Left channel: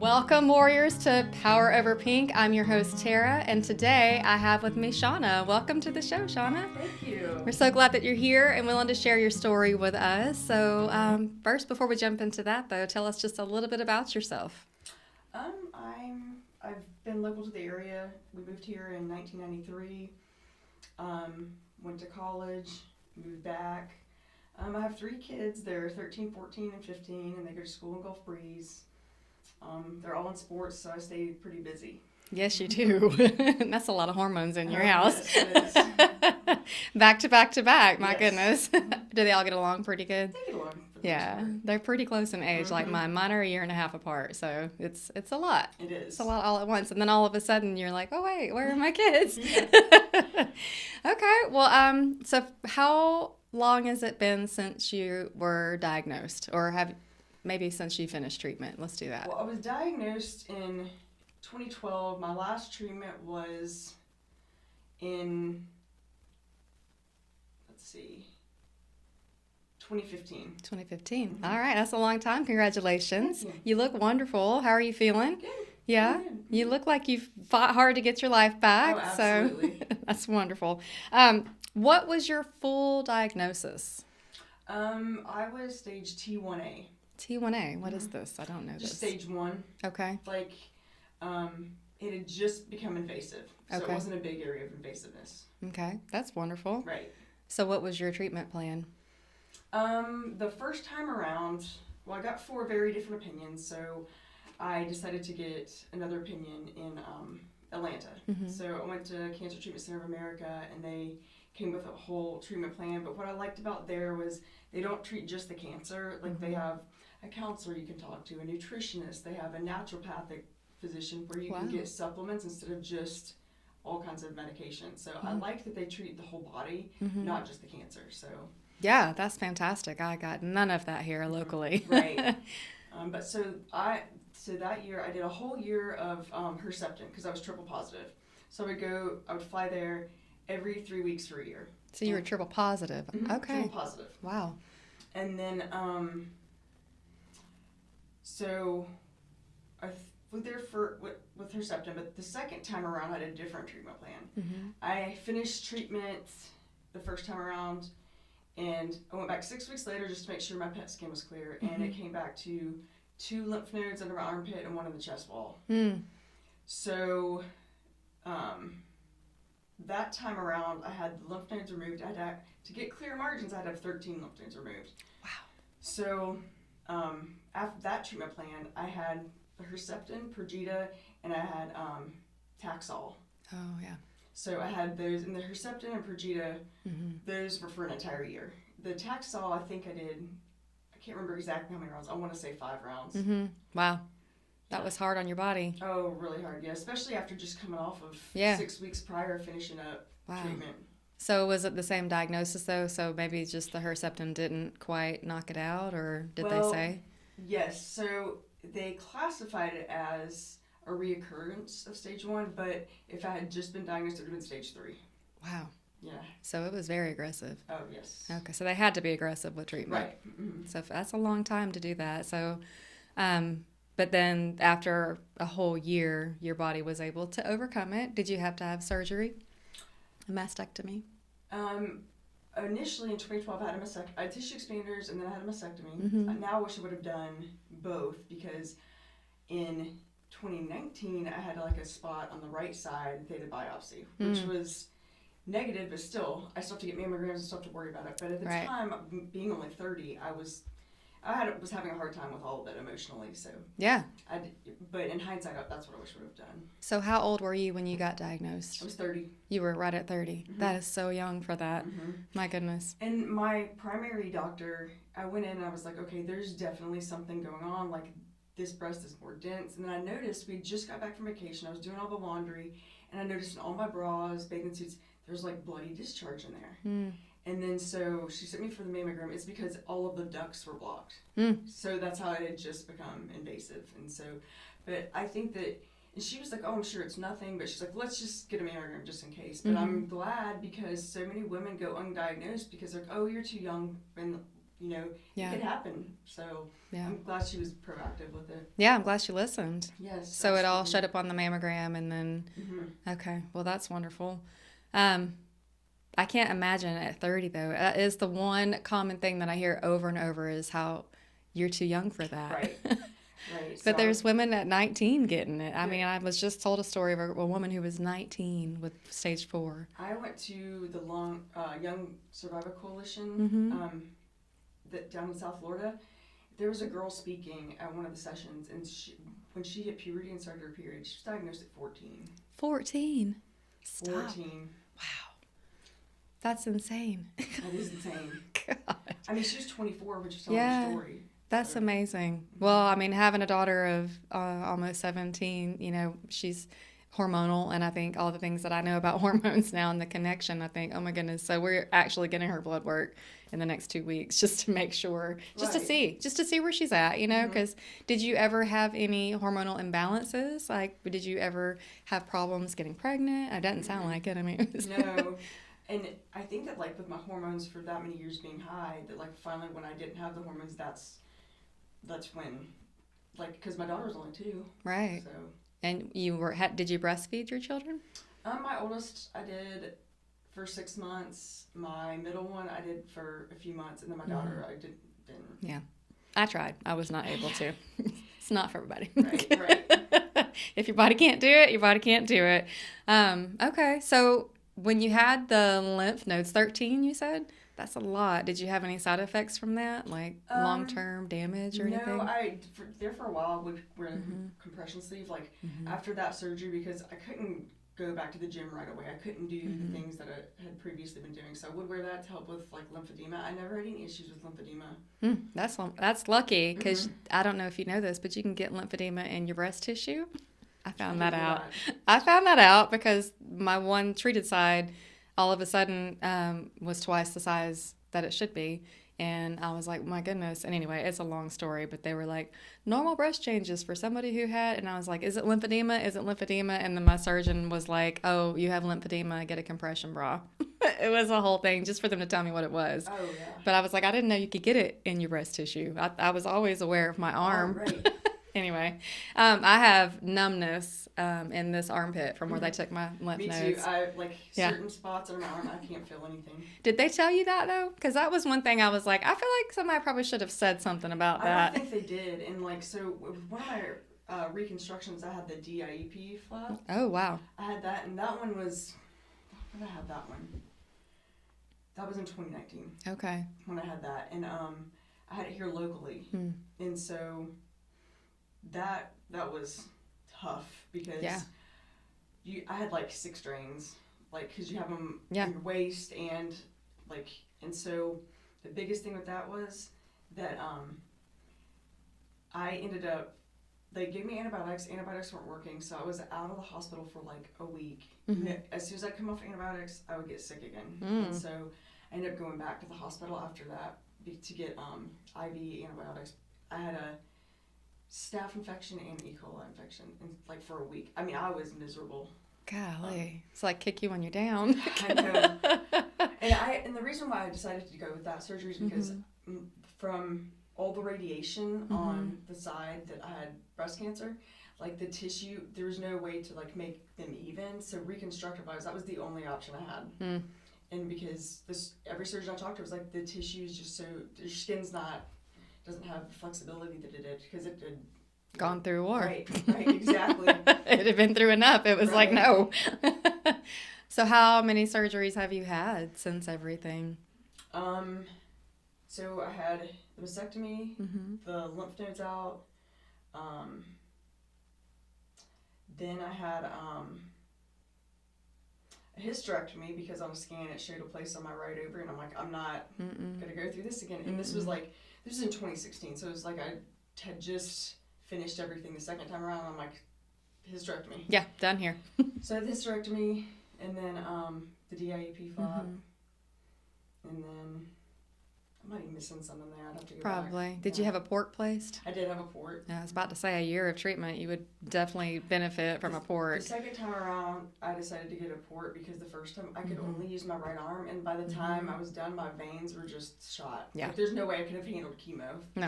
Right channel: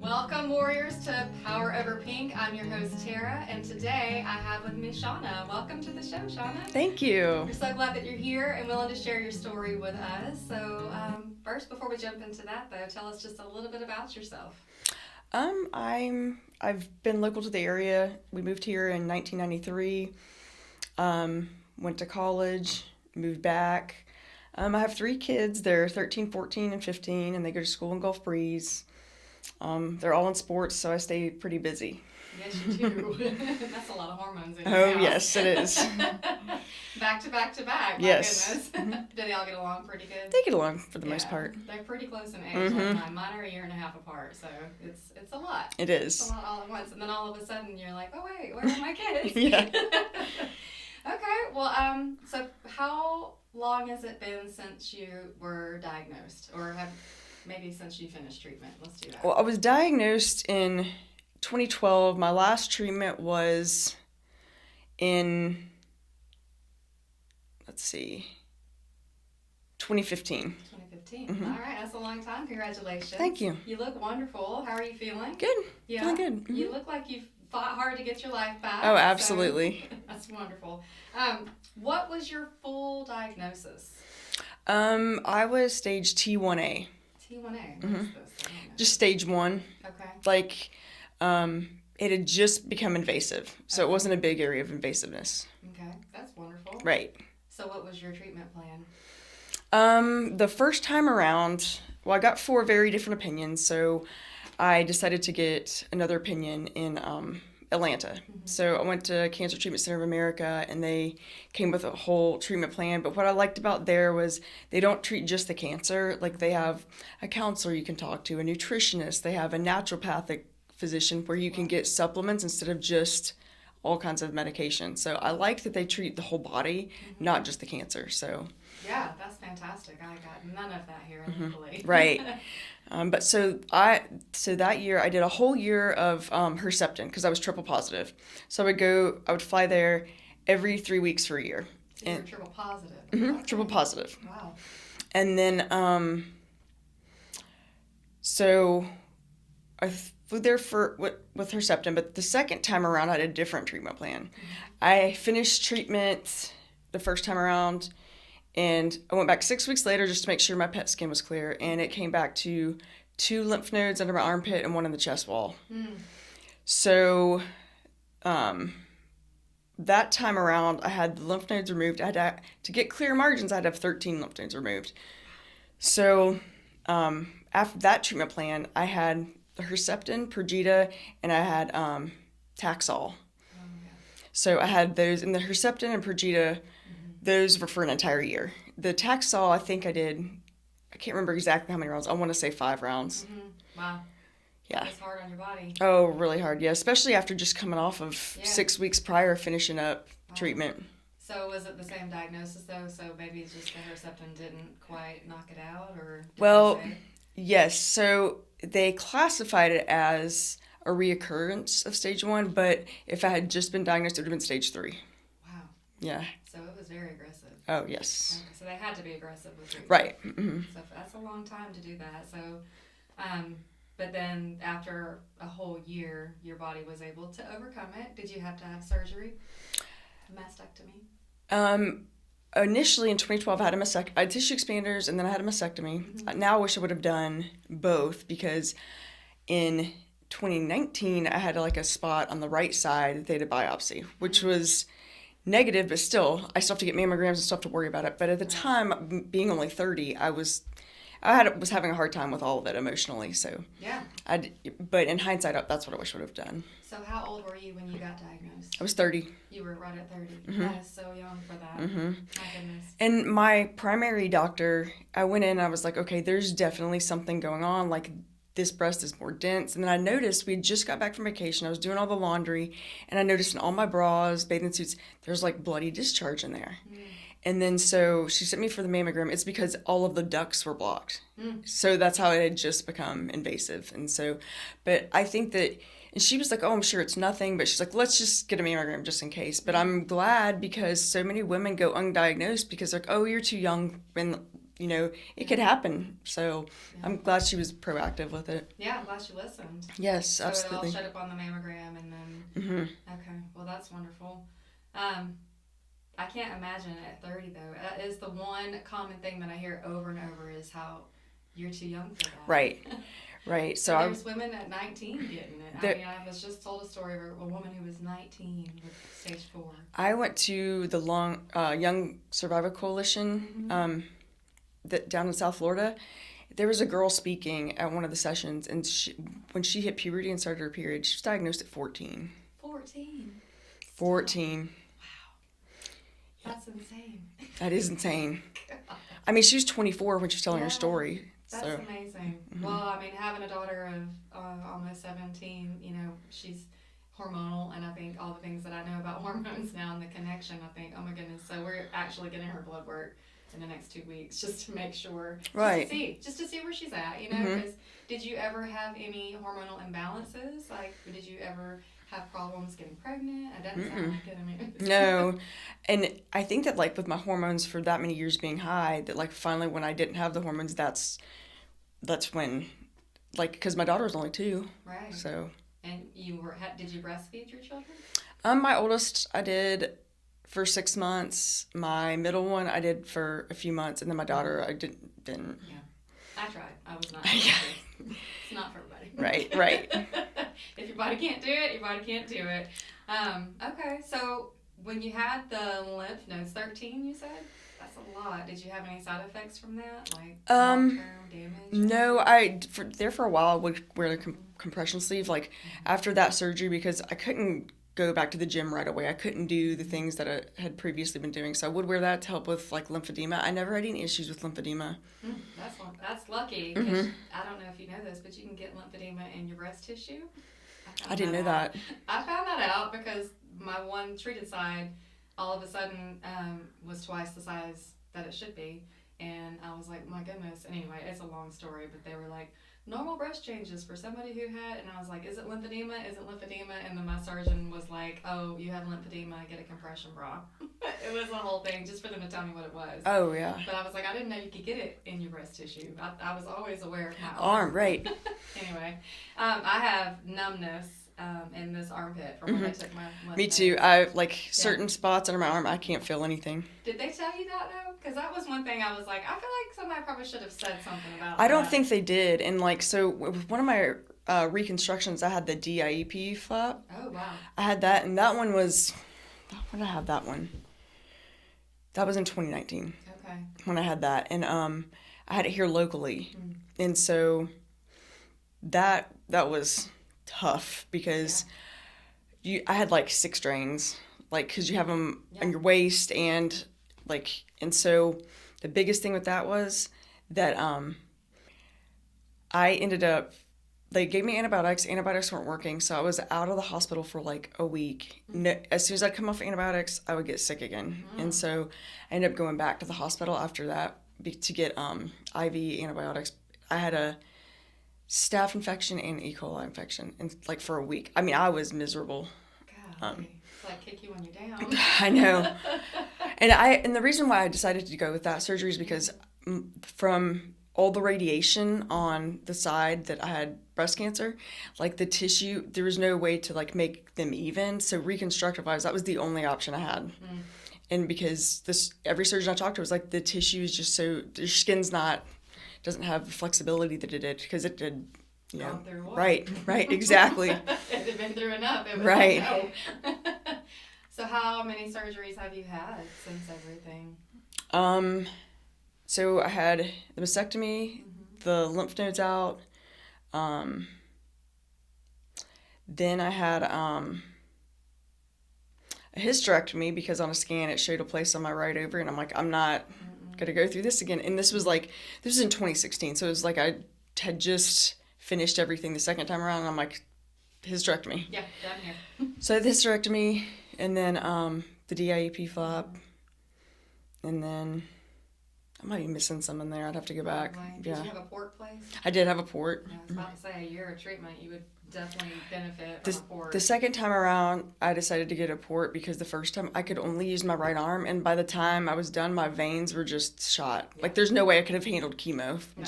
Welcome, warriors, to Power Over Pink. I'm your host, Tara, and today I have with me Shawna. Welcome to the show, Shawna. Thank you. We're so glad that you're here and willing to share your story with us. So, first, before we jump into that, though, tell us just a little bit about yourself. I've been local to the area. We moved here in 1993. Went to college, moved back. I have 3 kids. They're 13, 14, and 15, and they go to school in Gulf Breeze. They're all in sports, so I stay pretty busy. Yes, you do. That's a lot of hormones in your house. Yes, it is. Back to back to back. My Yes. goodness. Do they all get along pretty good? They get along for the most part. They're pretty close in age, like mine. Mine are a year and a half apart, so it's a lot. It is. It's a lot all at once, and then all of a sudden you're like, oh wait, where are my kids? Yeah. Okay, well, so how long has it been since you were diagnosed, or maybe since you finished treatment? Let's do that. Well, I was diagnosed in 2012. My last treatment was in, 2015. 2015. All right, that's a long time. Congratulations. Thank you. You look wonderful. How are you feeling? Good. Yeah? Feeling good. You look like you've fought hard to get your life back. Oh, absolutely. So that's wonderful. What was your full diagnosis? I was stage T1A. T1A. What is this? I don't know. Just stage 1. Okay. Like, it had just become invasive. So Okay. it wasn't a big area of invasiveness. Okay. That's wonderful. Right. So what was your treatment plan? The first time around, well, I got 4 very different opinions. So I decided to get another opinion in Atlanta. So I went to Cancer Treatment Center of America, and they came with a whole treatment plan. But what I liked about there was they don't treat just the cancer. Like, they have a counselor you can talk to, a nutritionist. They have a naturopathic physician where you can get supplements instead of just all kinds of medication. So I liked that they treat the whole body, not just the cancer. So Yeah, that's fantastic. I got none of that here locally. right. But so that year I did a whole year of Herceptin because I was triple positive. So I would fly there every 3 weeks for a year. So you were triple positive. Okay. Triple positive. Wow. And then so I flew there with Herceptin, but the second time around I had a different treatment plan. I finished treatment the first time around, and I went back 6 weeks later just to make sure my PET scan was clear, and it came back to 2 lymph nodes under my armpit and 1 in the chest wall. So that time around, I had the lymph nodes removed. To get clear margins, I had to have 13 lymph nodes removed. Wow. So after that treatment plan, I had the Herceptin, Perjeta, and I had Taxol. Oh, yeah. So I had those, and the Herceptin and Perjeta, those were for an entire year. The Taxol, I think I can't remember exactly how many rounds. I want to say 5 rounds. Wow. Yeah. That was hard on your body. Oh, really hard, yeah. Especially after just coming off of 6 weeks prior finishing up treatment. So was it the same diagnosis, though? So maybe just the Herceptin didn't quite knock it out, or did they say? Yes. So they classified it as a reoccurrence of stage 1, but if I had just been diagnosed, it would have been stage 3. Wow. Yeah. So it was very aggressive. Oh, yes. Okay, so they had to be aggressive with treatment. Right. So that's a long time to do that. So, but then after a whole year, your body was able to overcome it. Did you have to have surgery? A mastectomy? Initially in 2012, I had tissue expanders, and then I had a mastectomy. Now I wish I would have done both, because in 2019, I had like a spot on the right side that they had a biopsy, which was negative, but still, I still have to get mammograms and still have to worry about it. But at the time, being only 30, I was having a hard time with all of it emotionally. So Yeah. but in hindsight, that's what I wish I would have done. So how old were you when you got diagnosed? I was 30. You were right at 30. That is so young for that. My goodness. And my primary doctor, I went in and I was like, okay, there's definitely something going on. Like, this breast is more dense. And then I noticed we just got back from vacation. I was doing all the laundry, and I noticed in all my bras, bathing suits, there's like bloody discharge in there. And then so she sent me for the mammogram. It's because all of the ducts were blocked. So that's how it had just become invasive. And so, but I think that, and she was like, oh, I'm sure it's nothing. But she's like, let's just get a mammogram just in case. But I'm glad, because so many women go undiagnosed because they're like, oh, you're too young. And it could happen. So Yeah. I'm glad she was proactive with it. Yeah, I'm glad she listened. Yes, So absolutely. it all showed up on the mammogram, and then okay, well that's wonderful. I can't imagine at 30 though. That is the one common thing that I hear over and over is how you're too young for that. Right. Right. But there's women at 19 getting it. I mean, I was just told a story of a woman who was 19 with stage 4. I went to the Young Survivor Coalition down in South Florida. There was a girl speaking at one of the sessions, and when she hit puberty and started her period, she was diagnosed at 14. 14? 14. Wow. That's insane. That is insane. God. I mean, she was 24 when she was telling her story. That's amazing. Well, I mean, having a daughter of almost 17, she's hormonal, and I think all the things that I know about hormones now and the connection, I think, oh my goodness. So we're actually getting her blood work in the next 2 weeks just to make sure, just to see where she's at, because did you ever have any hormonal imbalances? Like, did you ever have problems getting pregnant? It doesn't sound like it. I mean, no. And I think that, like, with my hormones for that many years being high, that, like, finally when I didn't have the hormones, that's when, like, because my daughter was only 2. Right. So. And did you breastfeed your children? My oldest I did for 6 months. My middle one I did for a few months, and then my daughter I didn't. Yeah. I tried. I was not able to. It's not for everybody. Right. If your body can't do it, your body can't do it. Okay. So when you had the lymph nodes, 13, you said? That's a lot. Did you have any side effects from that, like long-term damage? Or no, anything? For a while I would wear the compression sleeve. Like after that surgery, because I couldn't go back to the gym right away. I couldn't do the things that I had previously been doing, so I would wear that to help with like lymphedema. I never had any issues with lymphedema. That's lucky, because I don't know if you know this, but you can get lymphedema in your breast tissue. I didn't know that. I found that out because my one treated side all of a sudden was twice the size that it should be. And I was like, my goodness. And anyway, it's a long story, but they were like, normal breast changes for somebody who had, and I was like, is it lymphedema? Is it lymphedema? And then my surgeon was like, oh, you have lymphedema, get a compression bra. It was a whole thing just for them to tell me what it was. Oh, yeah. But I was like, I didn't know you could get it in your breast tissue. I was always aware of my arm. Right. Anyway, I have numbness in this armpit from where they took my lymph Me nodes. too. I certain spots under my arm, I can't feel anything. Did they tell you that though? Because that was one thing I was like, I feel like somebody probably should have said something about that. I don't think they did. And like, so with one of my reconstructions, I had the DIEP flap. Oh wow. I had that, and that one was. When did I have that one? That was in 2019. Okay. When I had that, and I had it here locally, and so that was tough because I had like 6 drains, like because you have them on your waist and so the biggest thing with that was that I ended up, they gave me antibiotics weren't working, so I was out of the hospital for like a week. As soon as I'd come off antibiotics, I would get sick again, and so I ended up going back to the hospital after that to get IV antibiotics. I had a staph infection and E. coli infection, and like for a week. I mean, I was miserable. Golly, it's like kick you when you're down. I know. And the reason why I decided to go with that surgery is because from all the radiation on the side that I had breast cancer, like the tissue, there was no way to like make them even. So reconstructive wise, that was the only option I had. And because every surgeon I talked to was like, the tissue is just so, your skin's doesn't have the flexibility that it did, because it did gone through war. Right, exactly. It had been through enough. It was like, no. So how many surgeries have you had since everything? So I had the mastectomy, the lymph nodes out. Then I had a hysterectomy because on a scan it showed a place on my right ovary, and I'm like, I'm not gonna go through this again. And this was in 2016, so it was like I had just finished everything the second time around, and I'm like, hysterectomy. Yeah, done here. So the hysterectomy, and then the DIEP flap, and then might be missing some in there. I'd have to go Probably. back. Did you have a port placed? I did have a port. I was about to say, a year of treatment, you would definitely benefit from a port. The second time around, I decided to get a port because the first time I could only use my right arm, and by the time I was done, my veins were just shot. Yeah. Like, there's no way I could have handled chemo. No.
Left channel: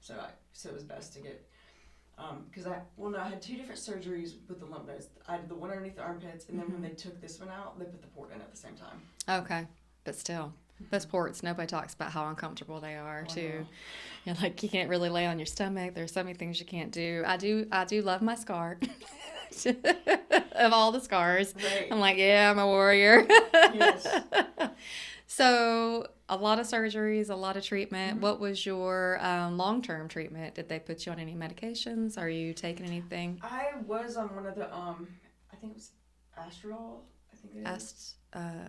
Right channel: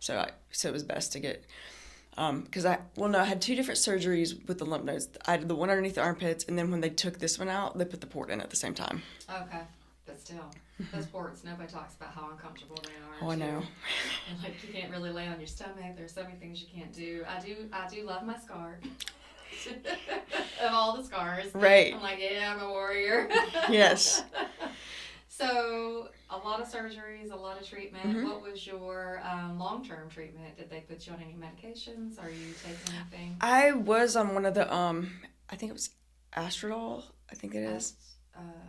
So it was best to get, because I had 2 different surgeries with the lymph nodes. I had the one underneath the armpits, and then when they took this one out, they put the port in at the same time. Okay, but still. Those ports, nobody talks about how uncomfortable they are, too. I know. You're like, you can't really lay on your stomach. There's so many things you can't do. I do love my scar. Of all the scars. Right. I'm like, yeah, I'm a warrior. Yes. So, a lot of surgeries, a lot of treatment. What was your long-term treatment? Did they put you on any medications? Are you taking anything? I was on one of the, I think it was Astrodol. I think it is.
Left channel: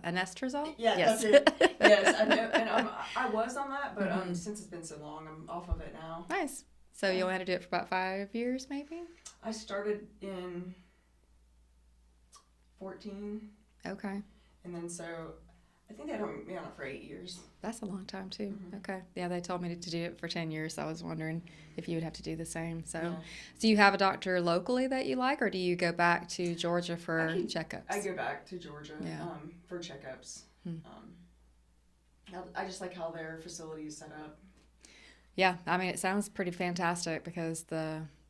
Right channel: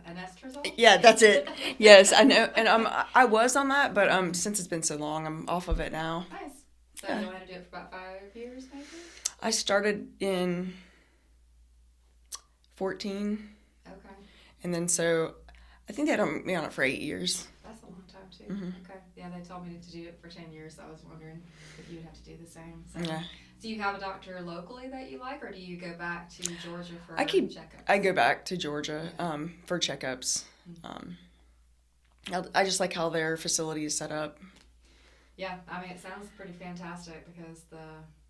Anastrozole? Yeah, yes. That's it. Yes, I know. And I was on that, but since it's been so long, I'm off of it now. Nice. So you only had to do it for about 5 years, maybe? I started in 14. Okay. And then so I think they had me on it for 8 years. That's a long time, too. Okay. Yeah, they told me to do it for 10 years, so I was wondering if you would have to do the same. So, Do you have a doctor locally that you like, or do you go back to Georgia for checkups? I go back to Georgia for checkups. I just like how their facility is set up. Yeah, I mean, it sounds pretty fantastic because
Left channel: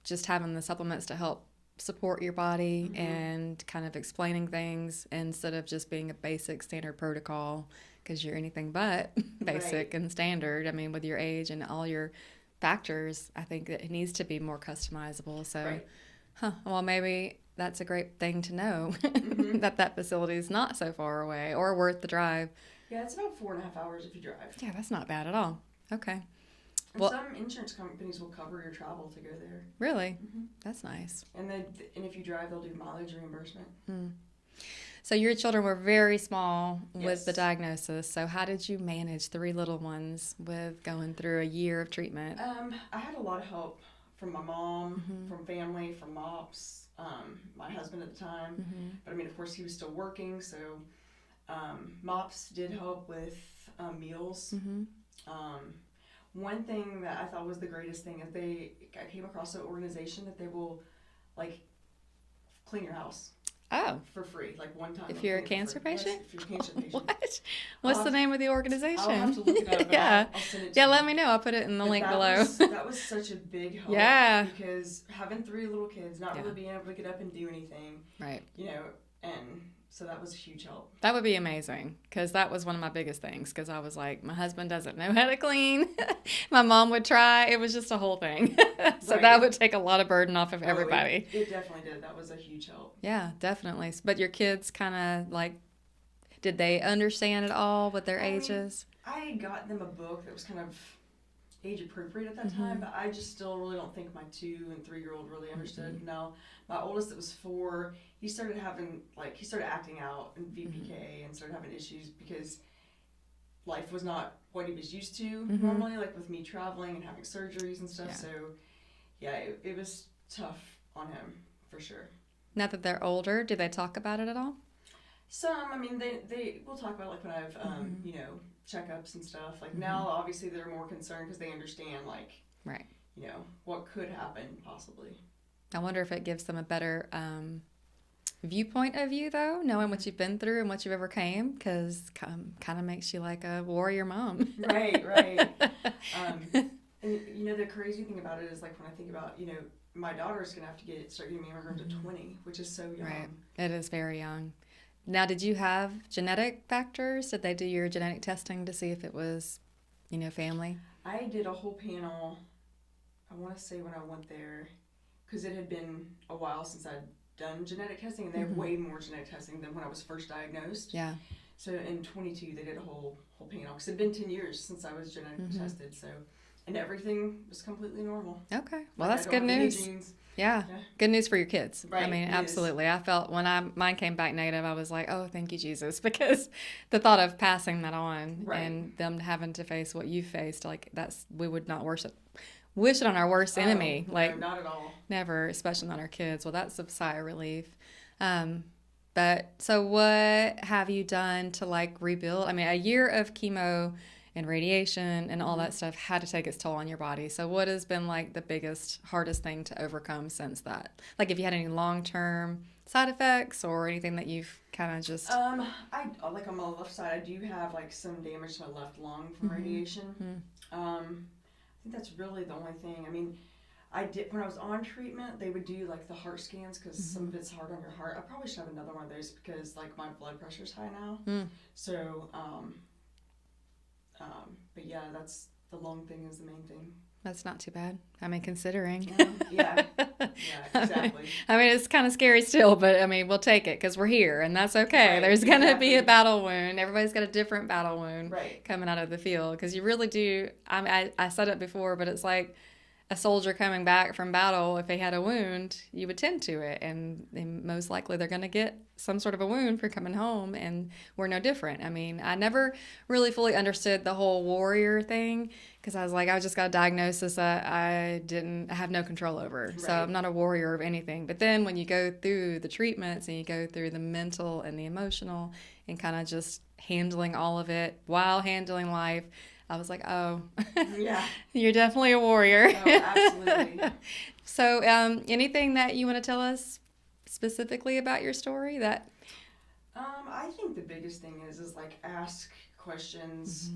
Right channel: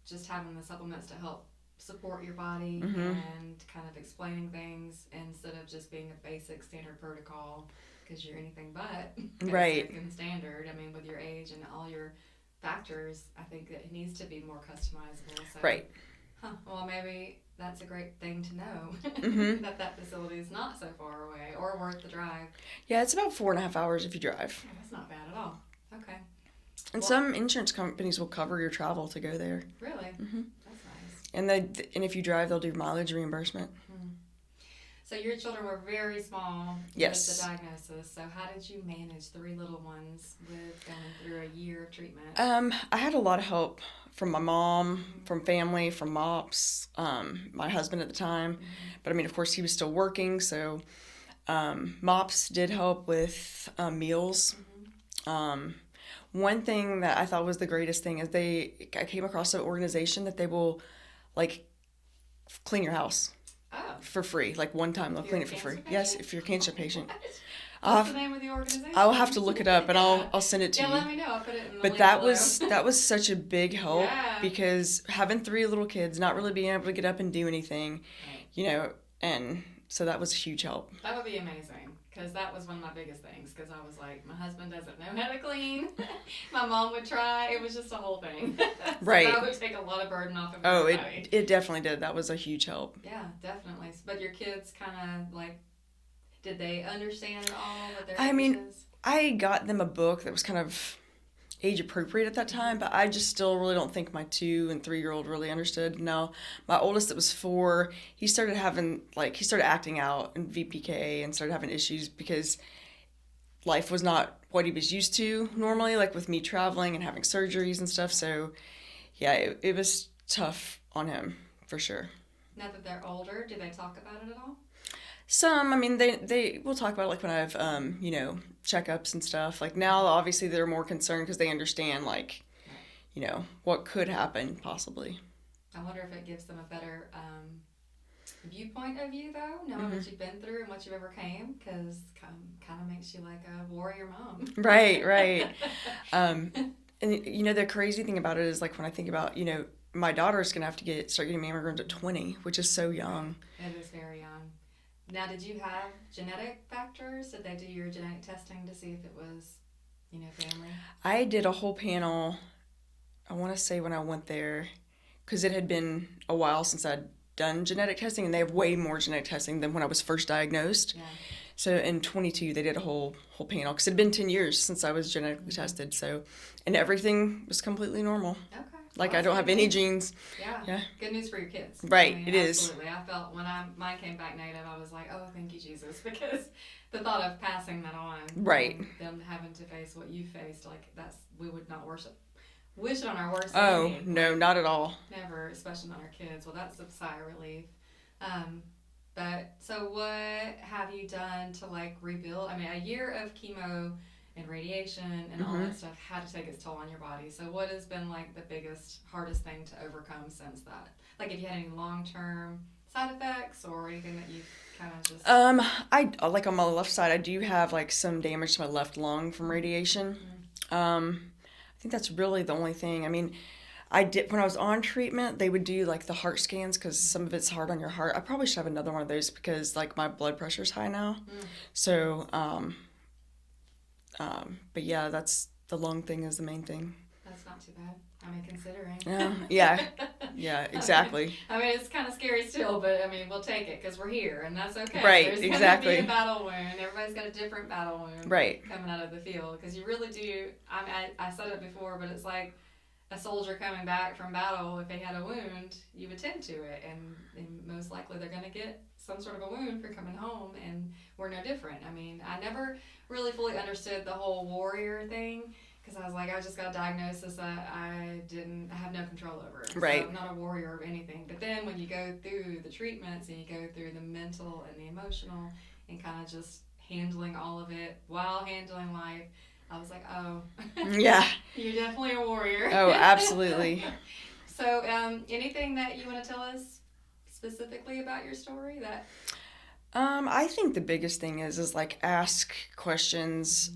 just having the supplements to help support your body and kind of explaining things instead of just being a basic standard protocol, because you're anything but basic and standard. I mean, with your age and all your factors, I think that it needs to be more customizable. So, well, maybe that's a great thing to know, that facility is not so far away or worth the drive. Yeah, it's about 4.5 hours if you drive. Yeah, that's not bad at all. Okay. And some insurance companies will cover your travel to go there. Really? That's nice. And if you drive, they'll do mileage reimbursement. So your children were very small with the diagnosis. So how did you manage 3 little ones with going through a year of treatment? I had a lot of help from my mom, from family, from MOPS, my husband at the time. But I mean, of course, he was still working. So MOPS did help with meals. One thing that I thought was the greatest thing is I came across an organization that they will, like, clean your house. Oh. For free. Like, one time they'll clean it for free. Patient? Yes, if you're a cancer patient. What? What's the name of the organization? I'll have to look it up, and I'll send it to you. Yeah, let me know. I'll put it in the link below. That was such a big help. Yeah. Because having 3 little kids, not really being able to get up and do anything. Right. And so that was a huge help. That would be amazing, because that was one of my biggest things, because I was like, my husband doesn't know how to clean. My mom would try. It was just a whole thing. So that would take a lot of burden off of everybody. It definitely did. That was a huge help. Yeah, definitely. But your kids kind of, like, did they understand at all with their ages? Mean, I got them a book that was kind of age appropriate at that time, but I just still really don't think my 2- and 3-year-old really understood. Now, my oldest that was 4, he started acting out in VPK and started having issues because life was not what he was used to normally, like with me traveling and having surgeries and stuff. So, yeah, it was tough on him for sure. Now that they're older, do they talk about it at all? Some, I mean, they will talk about it, like, when I have, checkups and stuff. Like, now, obviously, they're more concerned because they understand, like, what could happen, possibly. I wonder if it gives them a better viewpoint of you, though, knowing what you've been through and what you've overcame, because kind of makes you like a warrior mom. Right. And, the crazy thing about it is, like, when I think about, my daughter's going to have to start getting mammograms at 20, which is so young. Right. It is very young. Now, did you have genetic factors? Did they do your genetic testing to see if it was, family? I did a whole panel, I want to say when I went there, because it had been a while since I'd done genetic testing, and they have way more genetic testing than when I was first diagnosed. Yeah. So in 22, they did a whole panel, because it had been 10 years since I was genetically tested, and everything was completely normal. Okay. Like, I don't have any genes. Yeah. Good news for your kids. Right. I mean, it absolutely. I felt when mine came back negative, I was like, oh, thank you, Jesus. Because the thought of passing that on. Right. And them having to face what you faced, like, we would not wish it on our worst enemy. No, like, not at all. Never, especially not our kids. Well, that's a sigh of relief. But so what have you done to, like, rebuild? I mean, a year of chemo and radiation and all that stuff had to take its toll on your body. So what has been like the biggest, hardest thing to overcome since that? Like, if you had any long-term side effects or anything that you've kind of just... I like on my left side, I do have like some damage to my left lung from radiation. I think that's really the only thing. I mean, I did, when I was on treatment, they would do like the heart scans because some of it's hard on your heart. I probably should have another one of those because like my blood pressure's high now. So, but yeah, that's the lung thing is the main thing. That's not too bad. I mean, considering. Yeah, exactly. I mean, it's kind of scary still, but I mean, we'll take it because we're here, and that's okay. Right, There's going to be a battle wound. Everybody's got a different battle wound coming out of the field because you really do. I mean, I said it before, but it's like a soldier coming back from battle. If they had a wound, you would tend to it, and most likely they're going to get some sort of a wound for coming home, and we're no different. I mean, I never really fully understood the whole warrior thing. Because I was like, I just got a diagnosis that I have no control over. So I'm not a warrior of anything. But then when you go through the treatments and you go through the mental and the emotional and kind of just handling all of it while handling life, I was like, oh, yeah, you're definitely a warrior. Oh, absolutely. So anything that you want to tell us specifically about your story that... I think the biggest thing is like ask questions.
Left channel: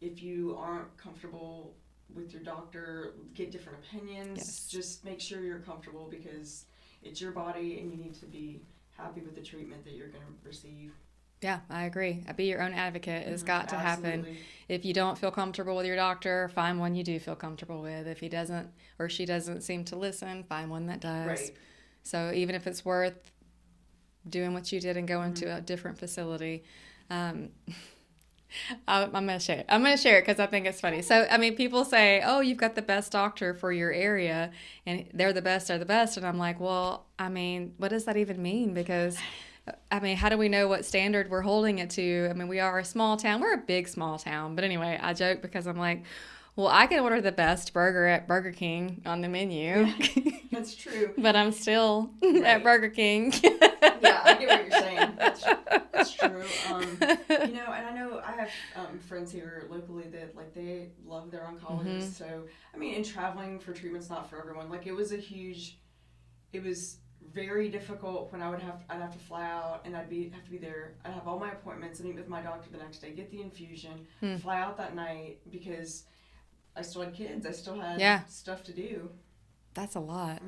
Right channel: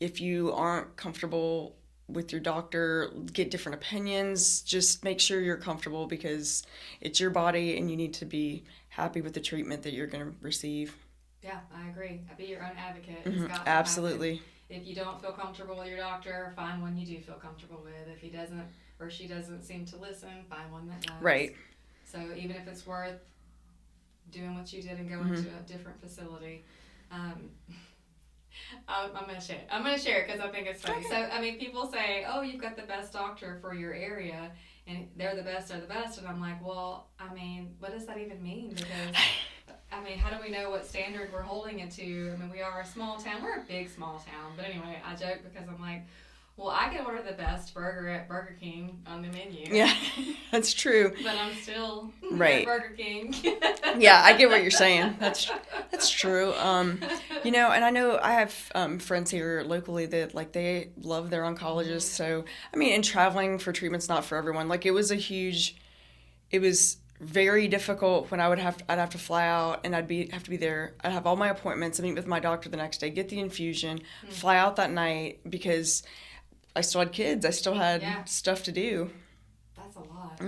If you aren't comfortable with your doctor, get different opinions. Just make sure you're comfortable because it's your body and you need to be happy with the treatment that you're going to receive. Yeah, I agree. Be your own advocate. It's got to happen. If you don't feel comfortable with your doctor, find one you do feel comfortable with. If he doesn't or she doesn't seem to listen, find one that does. Right. So even if it's worth doing what you did and going to a different facility, I'm going to share it. I'm going to share it because I think it's funny. So, I mean, people say, oh, you've got the best doctor for your area, and they're the best. And I'm like, well, I mean, what does that even mean? Because, I mean, how do we know what standard we're holding it to? I mean, we are a small town. We're a big, small town. But anyway, I joke because I'm like, well, I can order the best burger at Burger King on the menu. Yeah, that's true. But I'm still at Burger King. Yeah, I get what you're saying. That's true. You know, and I know I have friends here locally that like they love their oncologists. So I mean, and traveling for treatment's not for everyone. Like it was very difficult when I'd have to fly out and have to be there. I'd have all my appointments, meet with my doctor the next day, get the infusion, fly out that night because I still had kids. I still had stuff to do. That's a lot.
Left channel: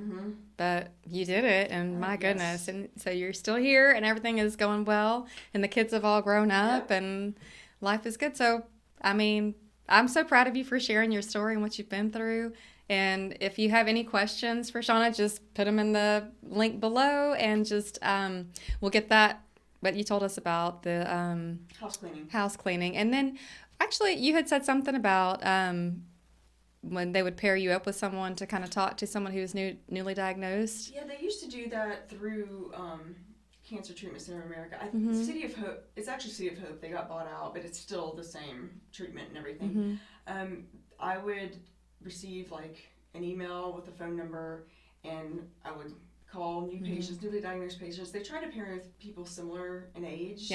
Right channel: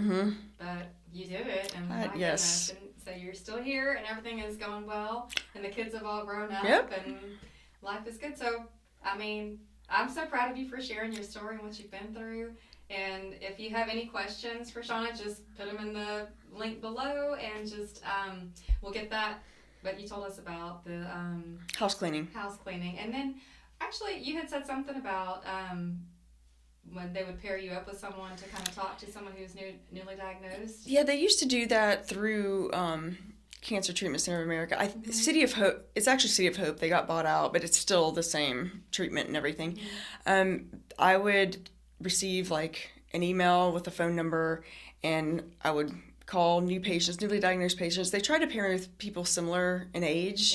But you did it, and my goodness. And so you're still here, and everything is going well, and the kids have all grown up, and life is good. So, I mean, I'm so proud of you for sharing your story and what you've been through. And if you have any questions for Shawna, just put them in the link below, and just we'll get that, what you told us about the... House cleaning. And then, actually, you had said something about... when they would pair you up with someone to kind of talk to someone who's newly diagnosed? Yeah, they used to do that through Cancer Treatment Center of America. City of Hope, it's actually City of Hope. They got bought out, but it's still the same treatment and everything. I would receive like an email with a phone number, and I would call newly diagnosed patients. They try to pair with people similar in age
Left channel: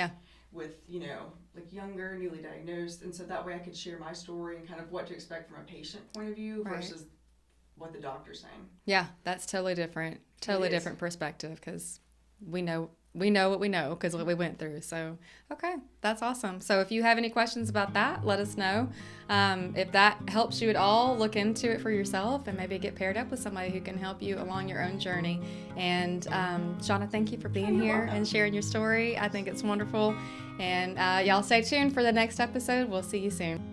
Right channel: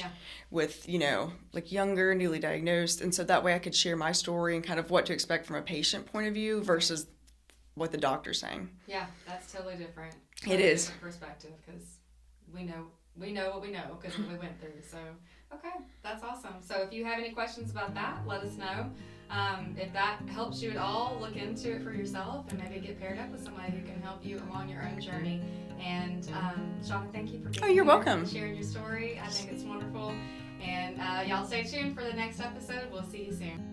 with, you know, like younger, newly diagnosed. And so that way I could share my story and kind of what to expect from a patient point of view versus what the doctor's saying. Yeah, that's totally different. Totally different perspective because we know what we know because of what we went through. So, okay, that's awesome. So if you have any questions about that, let us know. If that helps you at all, look into it for yourself and maybe get paired up with somebody who can help you along your own journey. And Shawna, thank you for being here and sharing your story. I think it's wonderful. And y'all stay tuned for the next episode. We'll see you soon.